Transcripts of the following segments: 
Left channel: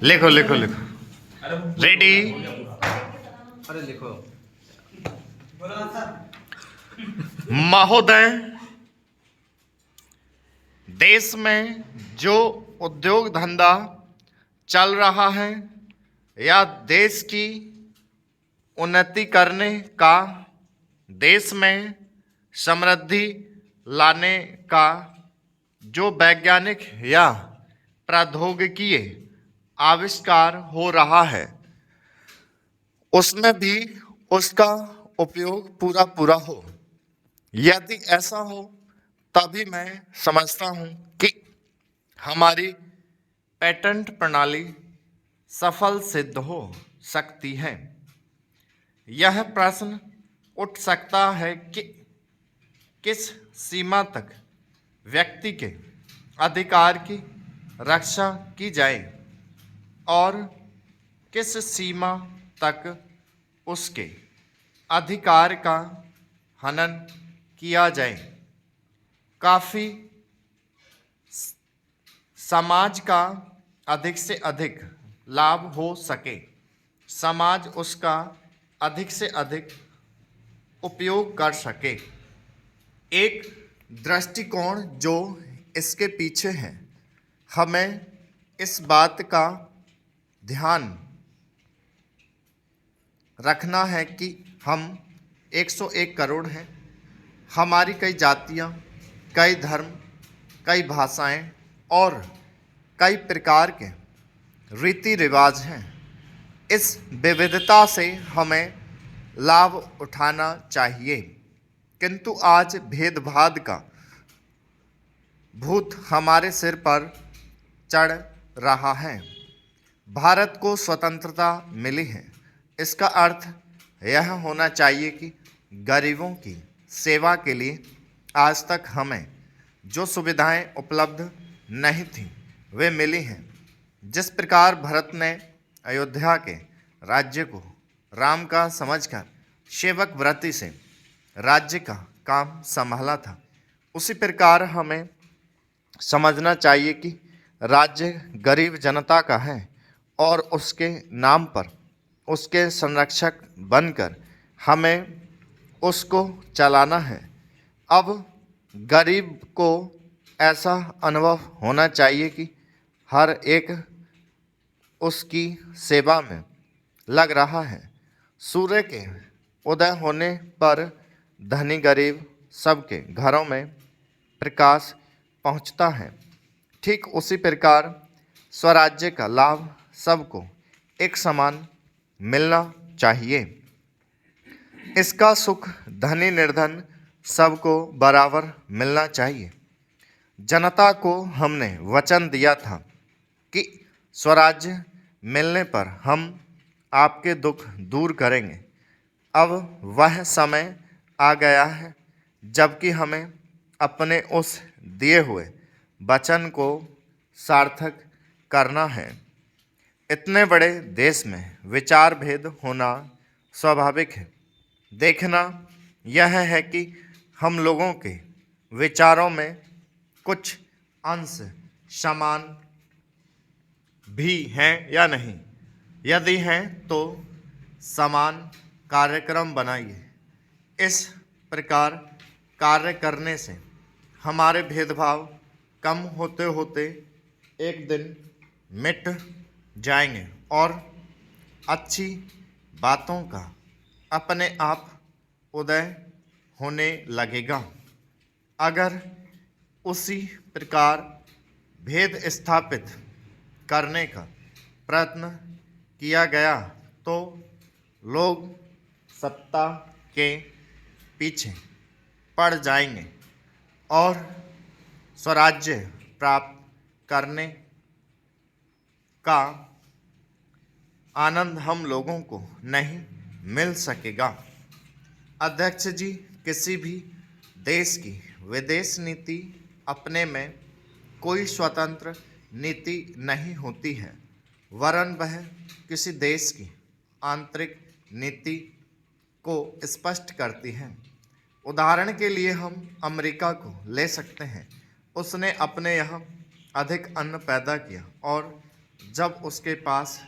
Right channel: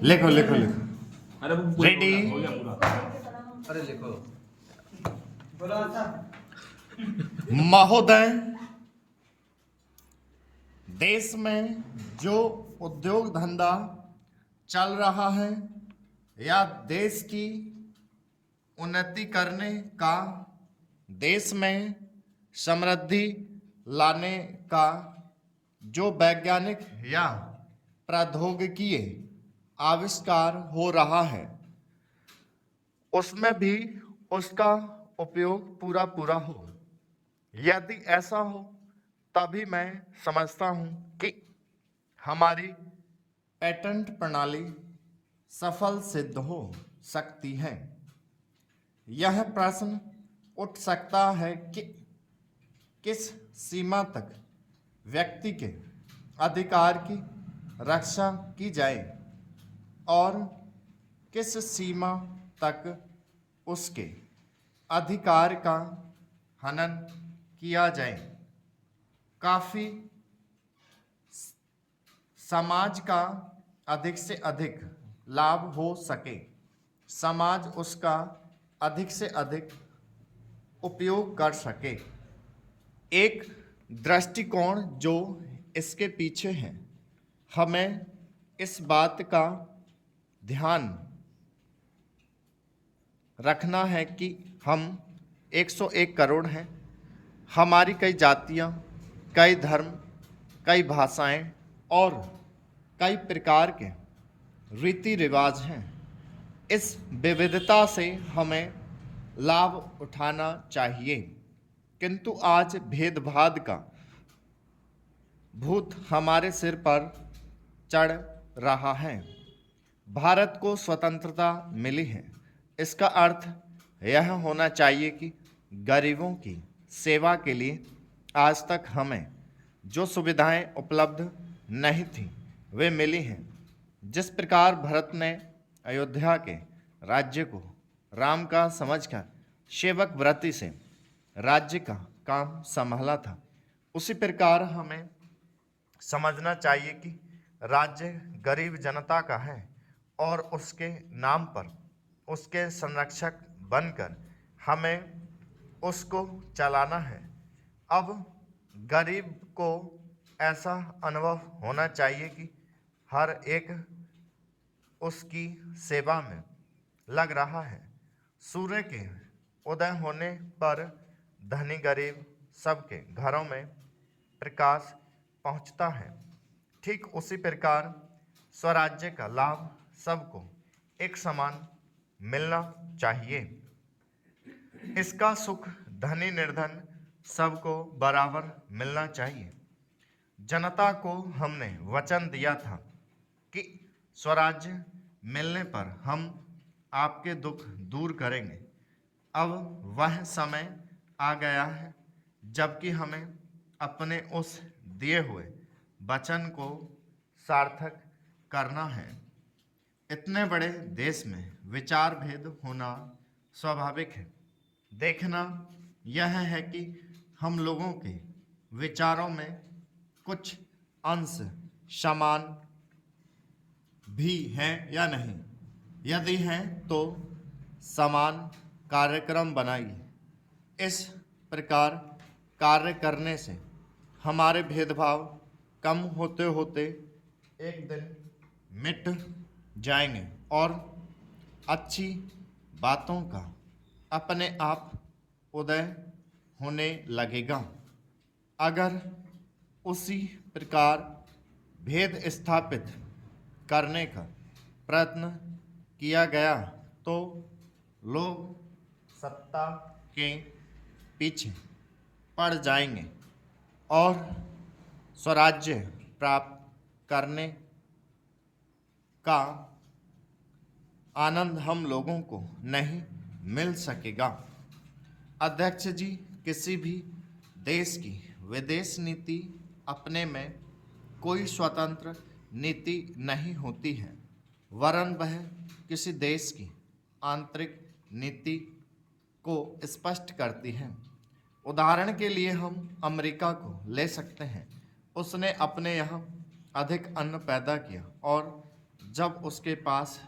लिखो लिखो लिखो। अरे रेडी। अरे लिखो। महोदय, देश में जो उद्योग धंधा चल रहा है या देश की उन्नति करने का, देश में समृद्धि लाने का जो वैज्ञानिक या प्रौद्योगिकीय आविष्कार हो रहा है, उसमें भी उसका उपयोग पूरा पूरा हो। यदि ऐसा हो तभी मैं समझता हूं कि हमारी पेटेंट प्रणाली सफल सिद्ध हो सकती है। यह प्रश्न उठ सकता है कि किस सीमा तक व्यक्ति के अधिकार की रक्षा की जाए और किस सीमा तक उसके अधिकार का हनन किया जाए। काफ़ी समाज का अधिक से अधिक लाभ हो सके, समाज उसका अधिक से अधिक उपयोग कर सके। एक दृष्टिकोण जो इसके पीछे है, हमें इस बात का ध्यान रखना है कि हम 101 करोड़ हैं। हमारी कई जातियाँ, कई धर्म, कई भाषाएं और कई प्रकार के रीति रिवाज हैं। इस विविधता से हमें लाभ उठाना चाहिए, किंतु आज भेदभाव का भूत हमारे सिर पर चढ़ रहा है। भारत को स्वतंत्रता मिली है, इसका अर्थ यह होना चाहिए कि गरीबों की सेवा के लिए आज तक हमें जो सुविधाएं उपलब्ध नहीं थीं वे मिली हैं। जिस प्रकार भरत ने अयोध्या के राज्य को राम का समझकर सेवक वृत्ति से राज्य का काम संभाला था, उसी प्रकार हमें समझना चाहिए कि राज्य गरीब जनता का है और उसके नाम पर उसके संरक्षक बनकर हमें उसको चलाना है। अब गरीब को ऐसा अनुभव होना चाहिए कि हर एक उसकी सेवा में लग रहा है। सूर्य के उदय होने पर धनी गरीब सबके घरों में प्रकाश पहुंचता है। ठीक उसी प्रकार स्वराज्य का लाभ सबको एक समान मिलना चाहिए। इसका सुख धनी निर्धन सबको बराबर मिलना चाहिए। जनता को हमने वचन दिया था कि स्वराज्य मिलने पर हम आपके दुख दूर करेंगे। अब वह समय आ गया है जबकि हमें अपने उस दिए हुए वचन को सार्थक करना है। इतने बड़े देश में विचार भेद होना स्वाभाविक है। देखना यह है कि हम लोगों के विचारों में कुछ अंश समान भी हैं या नहीं। यदि हैं तो समान कार्यक्रम बनाइए। इस प्रकार कार्य करने से हमारे भेदभाव कम होते होते एक दिन मिट जाएंगे और अच्छी बातों का अपने आप उदय होने लगेगा। अगर उसी प्रकार भेद स्थापित करने का प्रयत्न किया गया तो लोग सत्ता के पीछे पड़ जाएंगे और स्वराज्य प्राप्त करने का आनंद हम लोगों को नहीं मिल सकेगा। अध्यक्ष जी, किसी भी देश की विदेश नीति अपने में कोई स्वतंत्र नीति नहीं होती है, वरन वह किसी देश की आंतरिक नीति को स्पष्ट करती है। उदाहरण के लिए हम अमेरिका को ले सकते हैं। उसने अपने यहाँ अधिक अन्न पैदा किया और जब उसके पास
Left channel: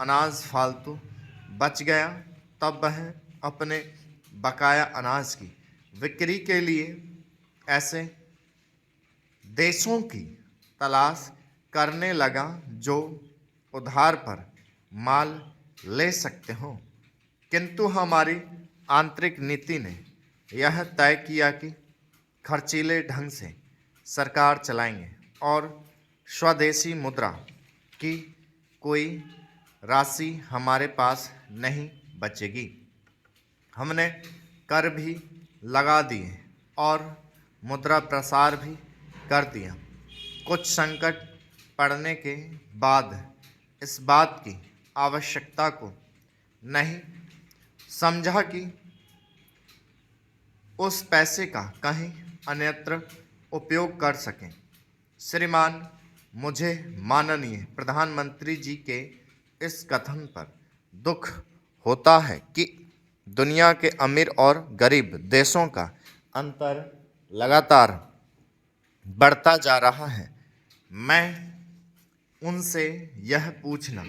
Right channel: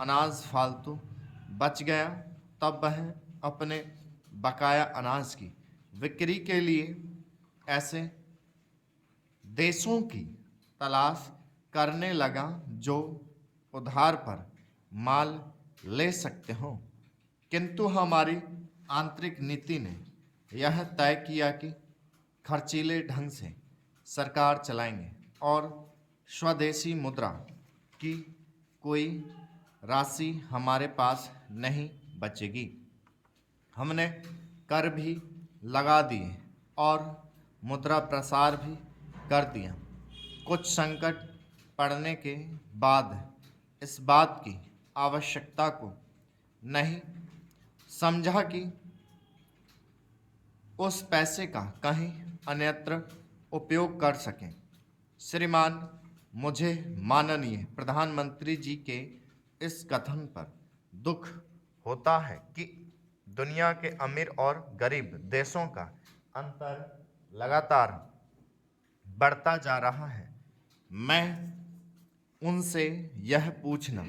अनाज फालतू बच गया तब वह अपने बकाया अनाज की बिक्री के लिए ऐसे देशों की तलाश करने लगा जो उधार पर माल ले सकते हो। किंतु हमारी आंतरिक नीति ने यह तय किया कि खर्चीले ढंग से सरकार चलाएंगे और स्वदेशी मुद्रा की कोई राशि हमारे पास नहीं बचेगी। हमने कर भी लगा दिए और मुद्रा प्रसार भी कर दिया। कुछ संकट पड़ने के बाद इस बात की आवश्यकता को नहीं समझा कि उस पैसे का कहीं अन्यत्र उपयोग कर सकें। श्रीमान, मुझे माननीय प्रधानमंत्री जी के इस कथन पर दुख होता है कि दुनिया के अमीर और गरीब देशों का अंतर लगातार बढ़ता जा रहा है। मैं उनसे यह पूछना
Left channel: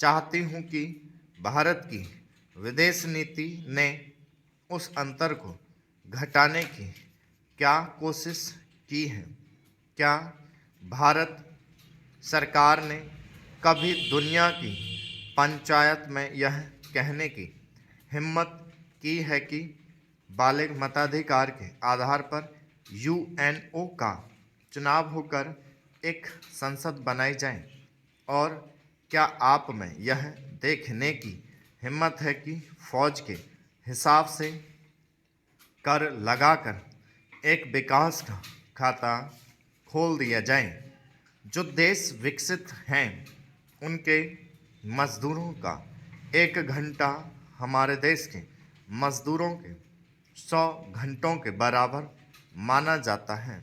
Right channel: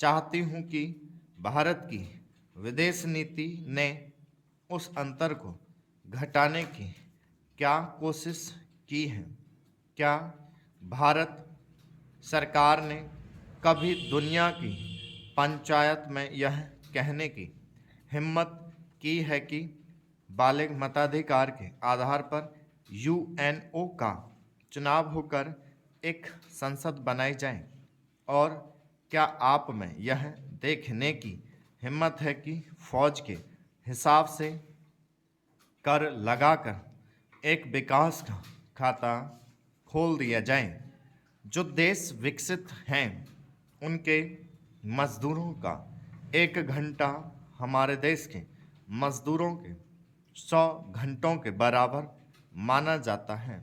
चाहती हूँ कि भारत की विदेश नीति ने उस अंतर को घटाने की क्या कोशिश की है? क्या भारत सरकार ने कभी दुनिया की पंचायत में यह कहने की हिम्मत की है कि बालिग मताधिकार के आधार पर यूएनओ का चुनाव होकर एक संसद बनाई जाए? और क्या आप में यह देखने की हिम्मत है कि फौज के हिसाब से कर लगाकर एक विकास का खाता खोल दिया जाए? जो देश विकसित हैं उनके मजदूरों का 1 घंटा हमारे देश के मजदूरों के 100 घंटों के बराबर माना जाता है,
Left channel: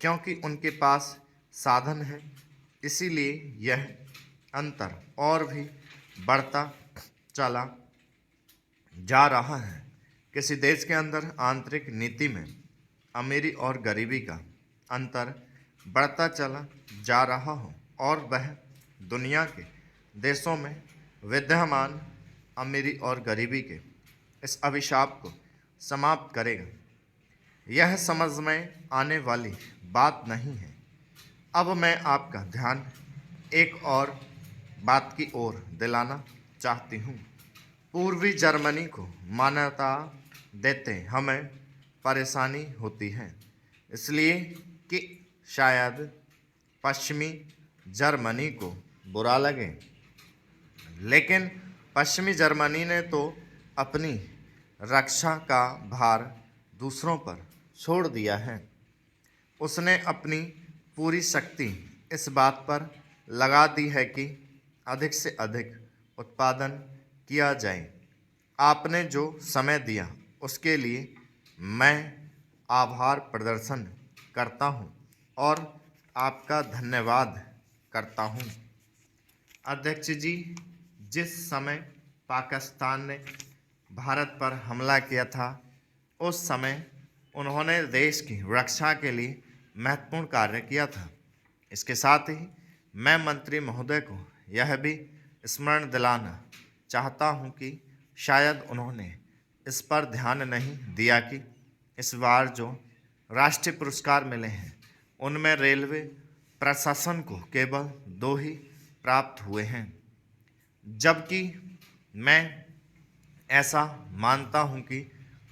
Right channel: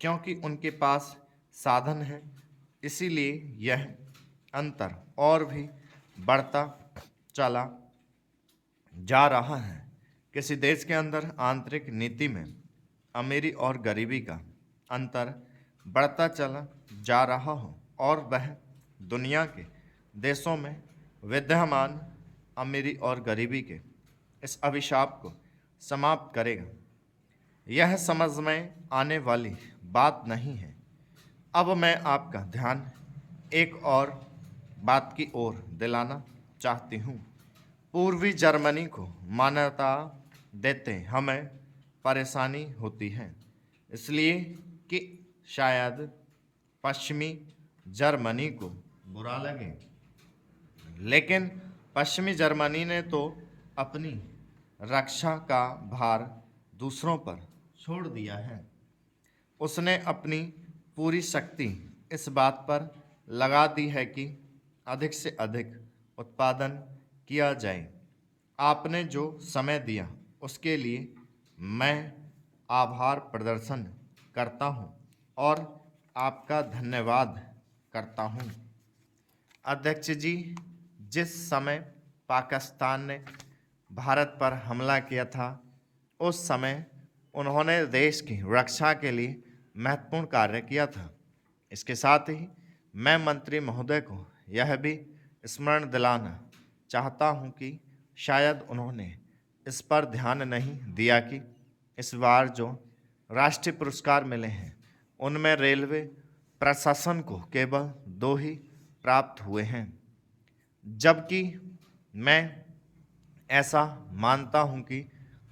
क्योंकि उनके पास साधन है। इसीलिए यह अंतर और भी बढ़ता चला जा रहा है। किसी देश के अंदर आंतरिक नीति में अमीरी और गरीबी का अंतर बढ़ता चला जा रहा हो और वह दुनिया के देशों में विद्यमान अमीरी और गरीबी के इस अभिशाप को समाप्त करेगा, यह समझ में आने वाली बात नहीं है। अब मैं आपका ध्यान एक और बात की ओर दिलाना चाहती हूँ। पूर्वी जर्मनी को मान्यता देते हमें परेशानी होती है, इसलिए कि शायद पश्चिमी जर्मनी को बुरा लगे, लेकिन पश्चिमी जर्मनी ने तो अपनी रक्षा का भार दूसरों पर छोड़ दिया है। उसने अपनी पूरी शक्ति इस बात पर लगा दी है कि अधिक से अधिक उत्पादन किया जाए। आपने जो समय दिया उसके लिए मैं आभार प्रदर्शन करता हूँ और आपका धन्यवाद करता हूँ। अध्यक्ष जी, जिस समय पाकिस्तान ने भारत पर हमला किया था उस समय उन्होंने देश की रक्षा के लिए महत्वपूर्ण कार्य किया था। इसके साथ ही मैं मंत्री महोदय को यह भी स्मरण दिलाना चाहता हूं कि शायद उन्होंने इस पर ध्यान नहीं दिया कि इस बार जो राष्ट्रीय पुरस्कार मिले हैं उनमें रेलवे प्रशासन को केवल 2 ही प्राप्त हुए हैं, जबकि मैं ऐसा मानता हूं कि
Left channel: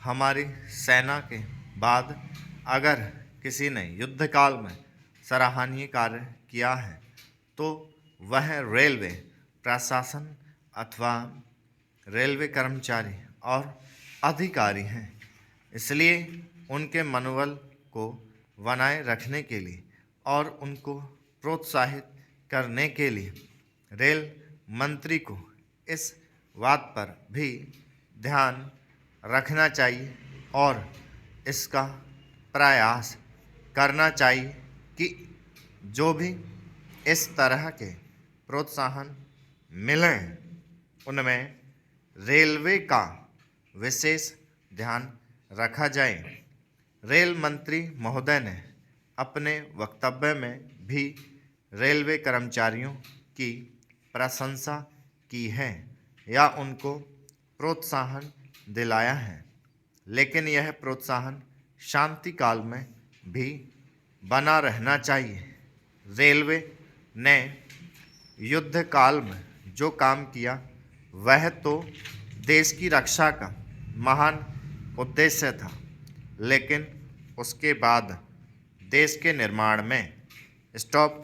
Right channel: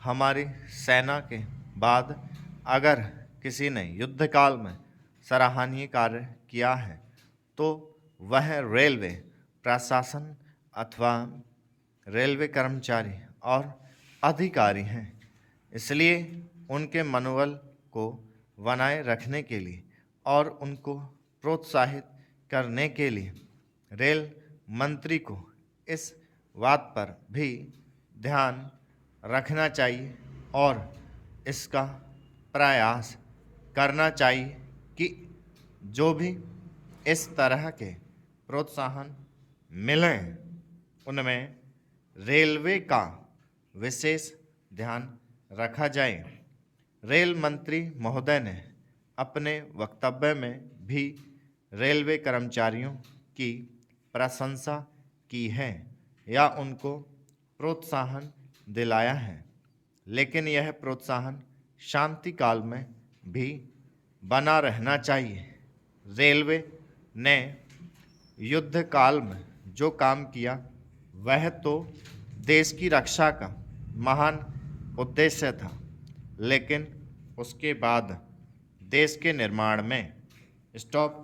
हमारी सेना के बाद अगर किसी ने युद्धकाल में सराहनीय कार्य किया है तो वह रेलवे प्रशासन अथवा रेलवे कर्मचारी और अधिकारी हैं। इसलिए उनके मनोबल को बनाए रखने के लिए और उनको प्रोत्साहित करने के लिए रेल मंत्री को इस बात पर भी ध्यान रखना चाहिए और इसका प्रयास करना चाहिए कि जो भी इस तरह के प्रोत्साहन मिलें उनमें रेलवे का विशेष ध्यान रखा जाए। रेल मंत्री महोदय ने अपने वक्तव्य में भी रेलवे कर्मचारियों की प्रशंसा की है या उनको प्रोत्साहन दिलाया है, लेकिन यह प्रोत्साहन शांति काल में भी बना रहना चाहिए। रेलवे ने युद्ध काल में जो काम किया वह तो देश की रक्षा का महान उद्देश्य था, लेकिन उसके बाद देश के निर्माण में स्टॉप